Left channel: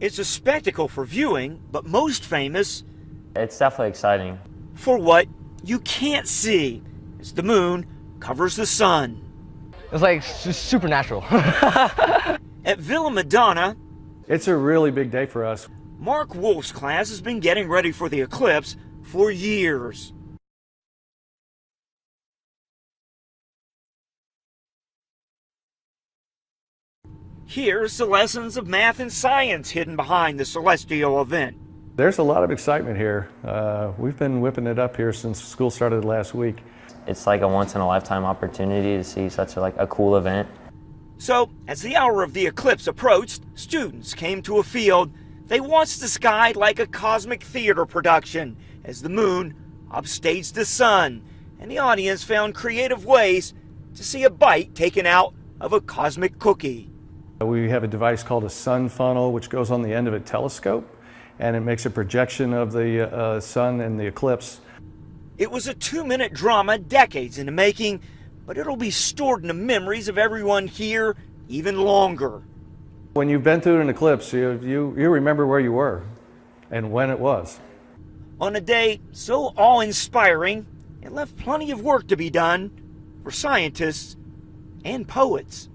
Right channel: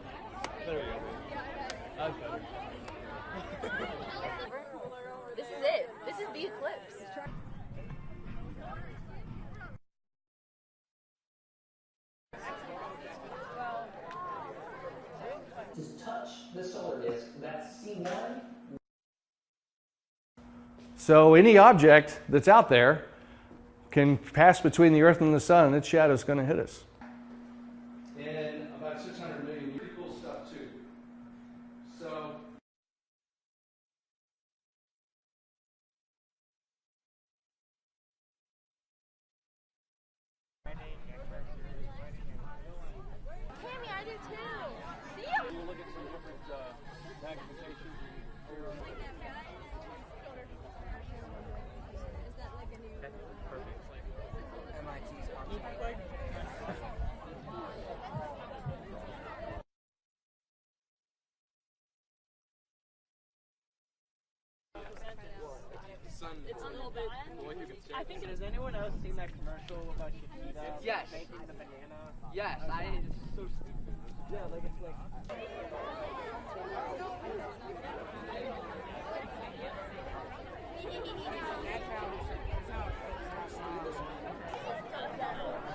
It's a spectacle for viewing, but most famous It's definitely exciting. for what you can't see, as the moon covers the sun. It's like supernatural. At Villa Madonna, It's a really big day for us. Mark Wolf's class has been getting ready for the eclipse for years. So any object that's out there can pass between the Earth and the sun, and its shadow is going to hit us. Here's the lessons of math and science hidden behind the celestial event. There's a lot of excitement here. We've been whipping it up here since school started last week. It's like a once-in-a-lifetime opportunity to see such a cool event. So, as the hour of the eclipse approached, students came to a field. They watched the sky like a cosmic theater production as the moon upstaged the sun, and the audience found creative ways to see a bite taken out of a cosmic cookie. We have a device called a sun funnel, which goes on the end of a telescope, and it makes a projection of the sun and the eclipse. It was a 2-minute drama decades in the making, but it'll be stored in the memories of everyone here even longer. When you've been through an eclipse, you remember where you were and when it was. On a day so awe-inspiring, it left plenty of work to be done for scientists and poets.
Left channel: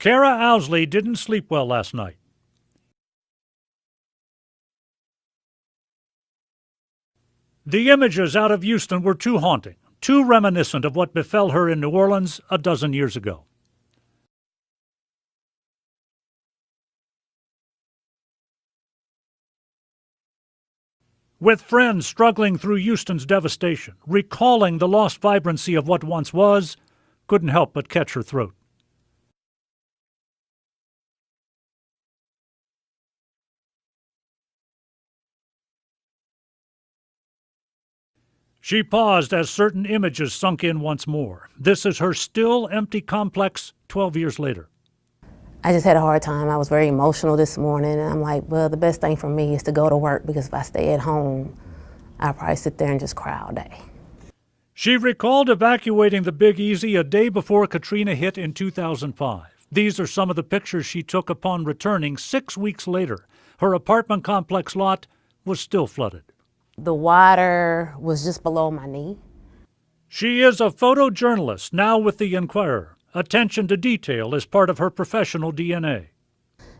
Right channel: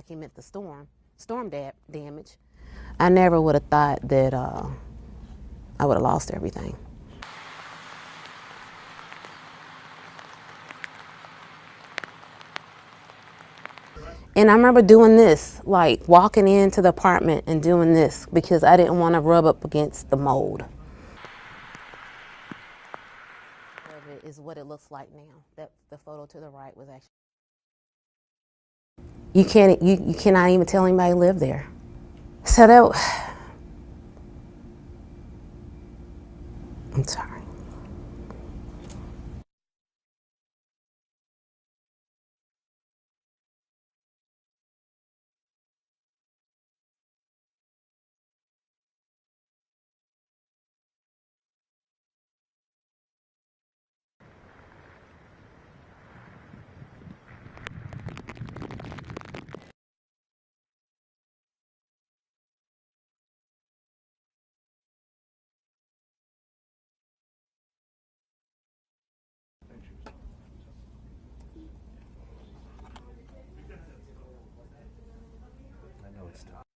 Kara Owsley didn't sleep well last night. I never would have thought that I would have lost everything. The images out of Houston were too haunting, too reminiscent of what befell her in New Orleans a dozen years ago. And I remember doing this, like walking into the apartment and doing this because I didn't want to rub up against the mold. With friends struggling through Houston's devastation, recalling the lost vibrancy of what once was, couldn't help but catch her throat. You cannot even tell anybody lived there. So that, I'm sorry. She paused as certain images sunk in once more. This is her still empty complex 12 years later. I just had a hard time. I was very emotional this morning, and I'm like, well, the best thing for me is to go to work, because if I stay at home, I'll probably sit there and just cry all day. She recalled evacuating the Big Easy a day before Katrina hit in 2005. These are some of the pictures she took upon returning 6 weeks later. Her apartment complex lot was still flooded. The water was just below my knee. She is a photojournalist, now with the Inquirer. Attention to detail is part of her professional DNA.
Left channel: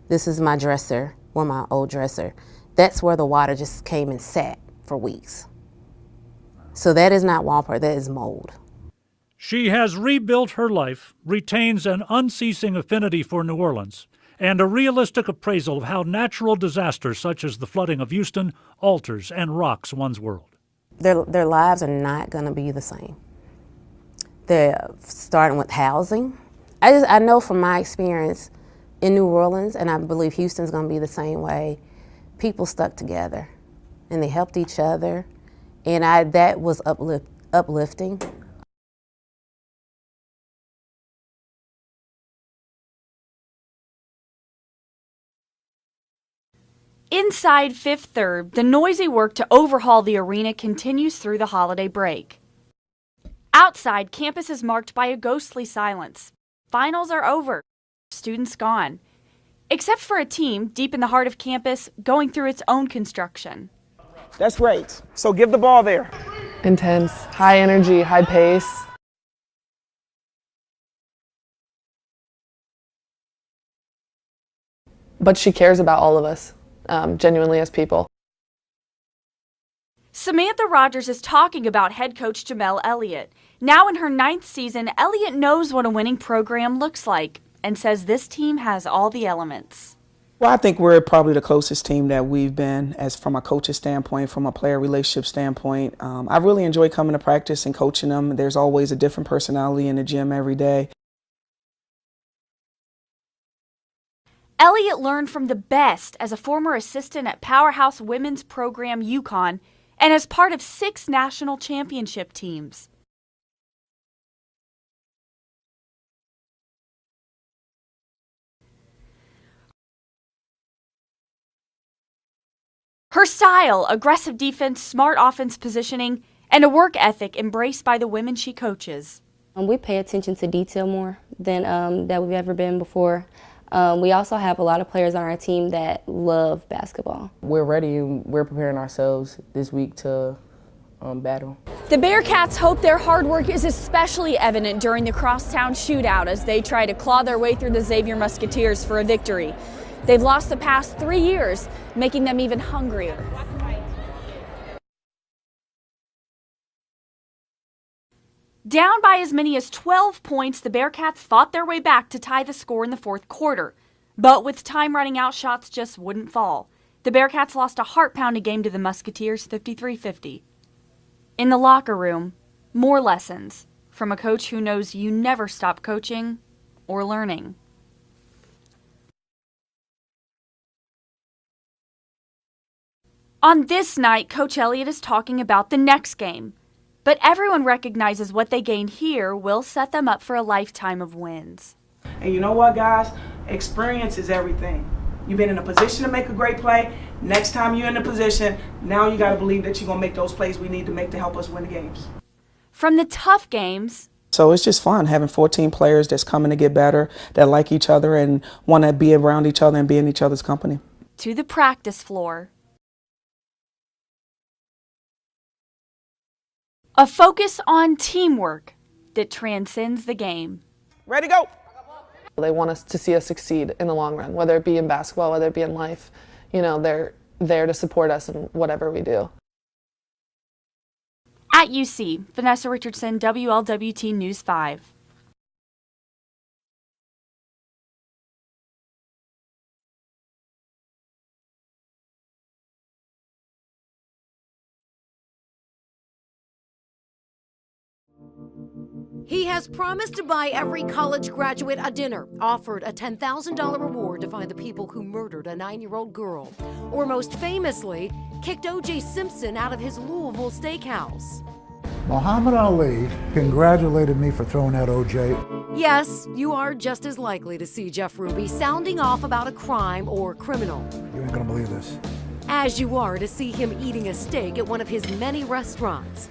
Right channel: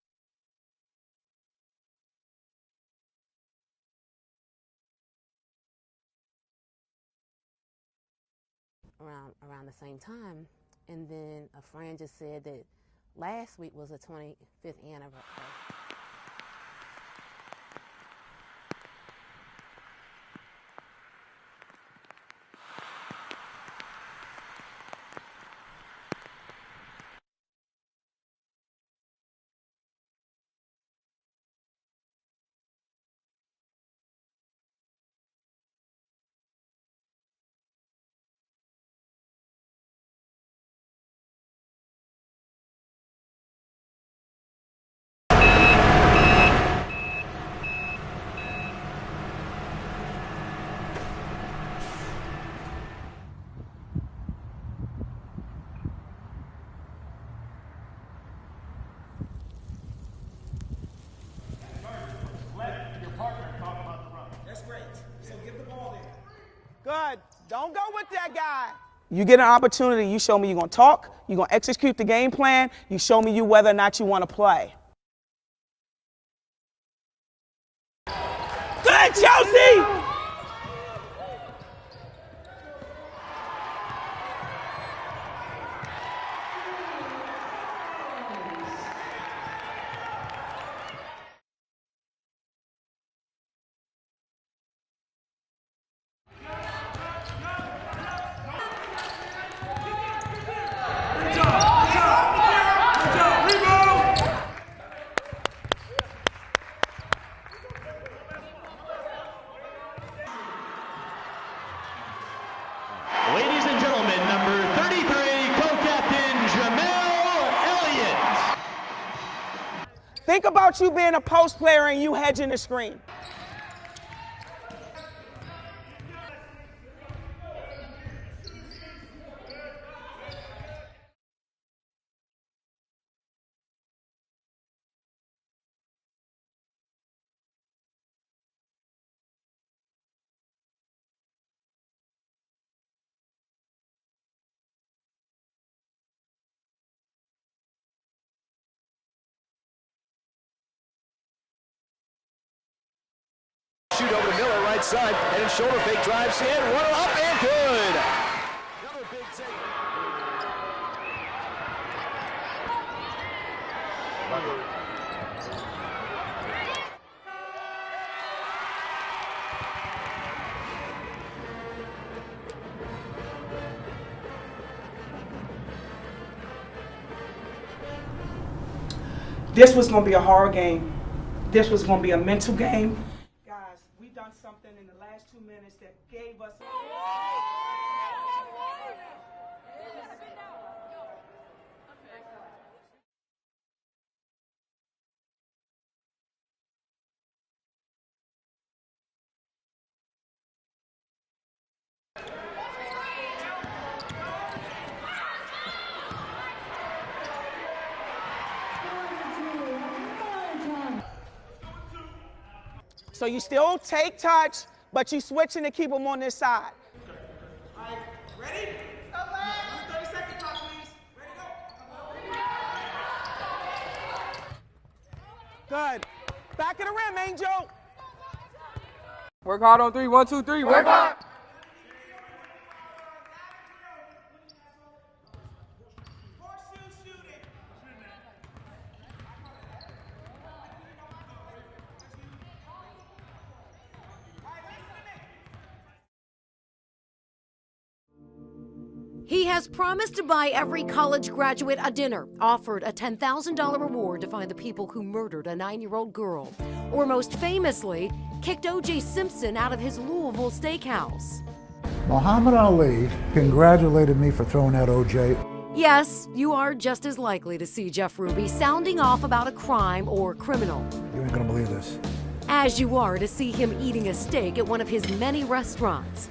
This is my dresser, or my old dresser. That's where the water just came and sat for weeks. So that is not wallpaper, that is mold. She has rebuilt her life, retains an unceasing affinity for New Orleans, and a realistic appraisal of how natural disasters such as the flooding of Houston alters and rocks one's world. Their lives are not going to be the same. They're starting with housing. I know from my experience in New Orleans, and I believe Houston's going to be the same way, people stuck together and they helped each other, and that was uplifting. Inside Fifth Third, the noisy work to overhaul the arena continues through the holiday break. Outside, campus is marked by a ghostly silence. Finals are over, students gone. Except for a team deep in the heart of campus going through its own construction. That's great. So give the ball there. Intense, high energy, high pace. You get an opportunity, you show me you're going to talk, you're going to execute the game plan, you show me whether or not you want to play. But she cares about all of us, genuinely as people. Good, Chelsea! Samantha Rogers is talking about head coach Jamel Elliott. Now in her 9th season, Elliott knows what a winning program looks like and says this team has all the elements. Well, I think we're probably the closest team that we've been, as from a coach's standpoint, from a player relationship standpoint. I really enjoy coming to practice and coaching them. There's always a different personality in the gym every day. Elliott learned from the best as a former assistant at powerhouse women's program UConn and as part of 6 national championship teams. Ladies and gentlemen, number 33, co-captain Jamel Elliott. Think about you being a post player and you hedging the screen. Her style, aggressive defense, smart offense positioning, and a work ethic embraced by the women she coaches. We pay attention to detail more than that we've ever been before. We also have a lot of players on our team that love basketball. We're ready and we're preparing ourselves this week to battle. The Bearcats hope their hard work is especially evident during the crosstown shootout as they try to claw their way through the Xavier Musketeers for a victory. They've lost the past 3 years, making them even hungrier. Shoot over to Miller, right side, and in shoulder fake drives in, one up and good. Down by as many as 12 points, the Bearcats fought their way back to tie the score in the fourth quarter. But with time running out, shots just wouldn't fall. The Bearcats lost a heart-pounding game to the Musketeers 53-50. In the locker room, more lessons from a coach who knows you never stop coaching or learning. This was going to be a hard game. This was going to be a mental game. On this night, Coach Elliott is talking about the next game. But everyone recognizes what they gained here will set them up for a lifetime of wins. And you know what, guys? Experience is everything. You've been in a position to make a great play. Next time you're in a position, now you got to believe that you're going to make those plays we need to make to help us win the games. From the tough games. So it's just fun having 14 players that's coming to get better, that like each other and want to be around each other and be in each other's company. To the practice floor. So you still take touch, but you switching to keep them on this side. A focus on teamwork that transcends the game. Ready to go. They want us to see us succeed in the long run, whether it be in basketball, whether it be in life. You know, they're there to support us in whatever we do. Work hard on 3, 1, 2, 3, work hard. At UC, Vanessa Richardson, WLWT News 5. He has promised to buy every college graduate a dinner, offered a $10,000 reward to find the people who murdered a 9-year-old girl, or most famously, kicked O.J. Simpson out of his Louisville steakhouse. Muhammad Ali congratulated me for throwing out O.J. Yes, you are just as likely to see Jeff Ruby sounding off about a crime or criminal. You ain't gonna believe this. As you are to see him eating a steak at one of his many restaurants.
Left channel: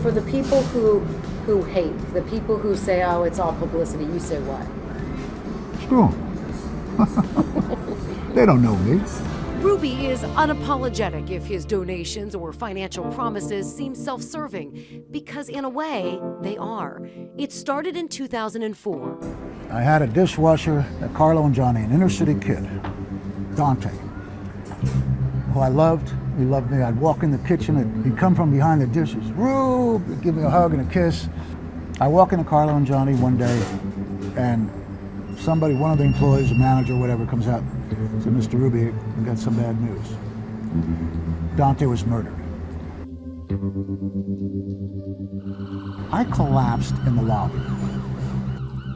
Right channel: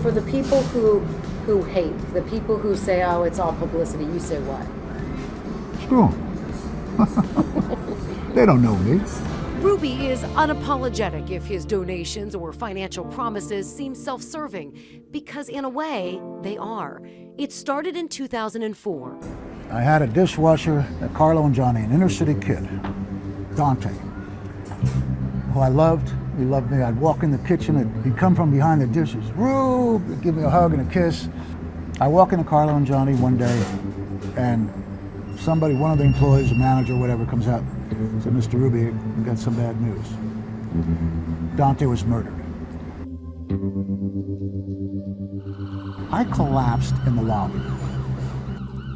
For the people who hate, the people who say, oh, it's all publicity, you say what? Screw them. They don't know me. Ruby is unapologetic if his donations or financial promises seem self-serving, because in a way, they are. It started in 2004. I had a dishwasher at Carlo and Johnny, an inner city kid, Dante, who I loved. He loved me. I'd walk in the kitchen and he'd come from behind the dishes. Rube, he'd give me a hug and a kiss. I walk into Carlo and Johnny one day and somebody, one of the employees, a manager, whatever, comes out and said, Mr. Ruby, we got some bad news. Dante was murdered. I collapsed in the lobby.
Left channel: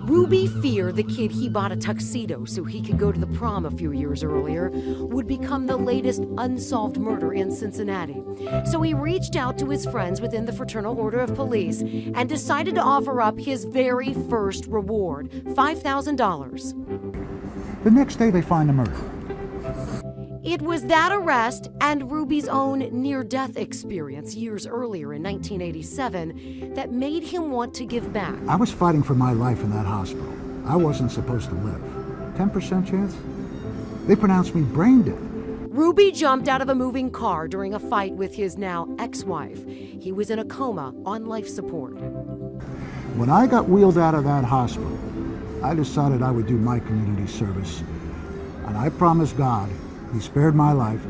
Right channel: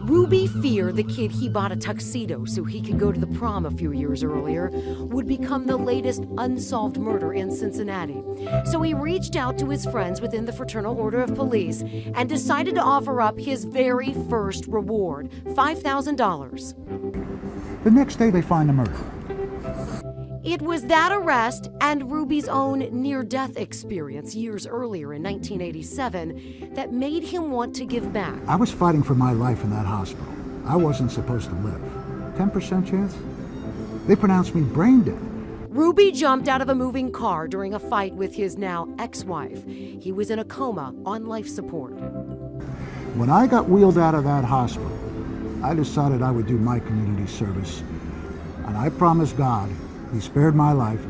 Ruby feared the kid he bought a tuxedo so he could go to the prom a few years earlier would become the latest unsolved murder in Cincinnati. So he reached out to his friends within the Fraternal Order of Police and decided to offer up his very first reward, $5,000. The next day they find the murderer. It was that arrest and Ruby's own near-death experience years earlier in 1987 that made him want to give back. I was fighting for my life in that hospital. I wasn't supposed to live. 10% chance? They pronounced me brain dead. Ruby jumped out of a moving car during a fight with his now ex-wife. He was in a coma on life support. When I got wheeled out of that hospital, I decided I would do my community service. And I promised God, he spared my life,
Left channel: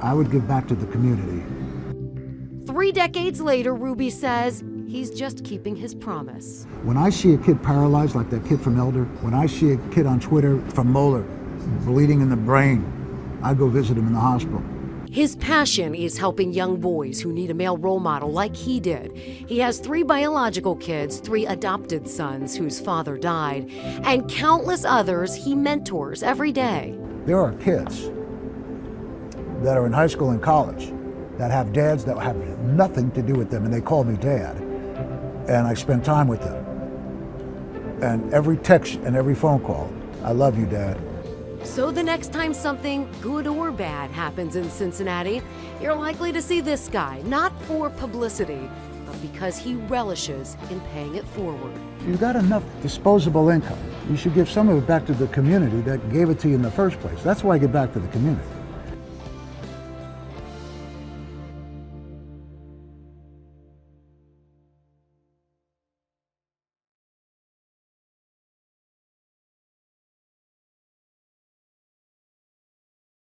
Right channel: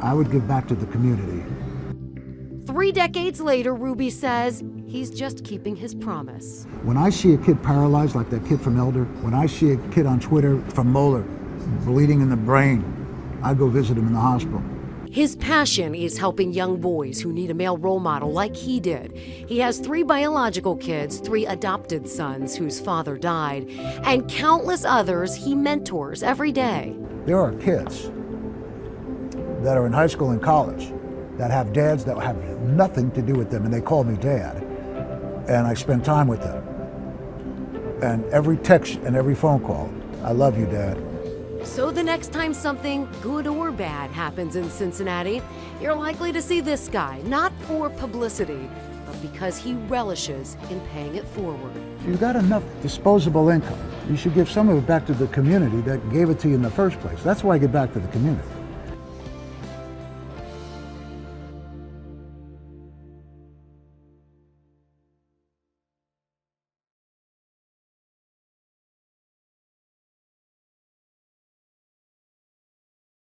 I would give back to the community. 3 decades later, Ruby says he's just keeping his promise. When I see a kid paralyzed like that kid from Elder, when I see a kid on Twitter from Moeller bleeding in the brain, I go visit him in the hospital. His passion is helping young boys who need a male role model like he did. He has 3 biological kids, 3 adopted sons whose father died, and countless others he mentors every day. There are kids that are in high school and college that have dads that have nothing to do with them, and they call me dad, and I spend time with them. And every text and every phone call, I love you, Dad. So the next time something good or bad happens in Cincinnati, you're likely to see this guy, not for publicity, but because he relishes in paying it forward. If you've got enough disposable income, you should give some of it back to the community that gave it to you in the first place. That's why I give back to the community.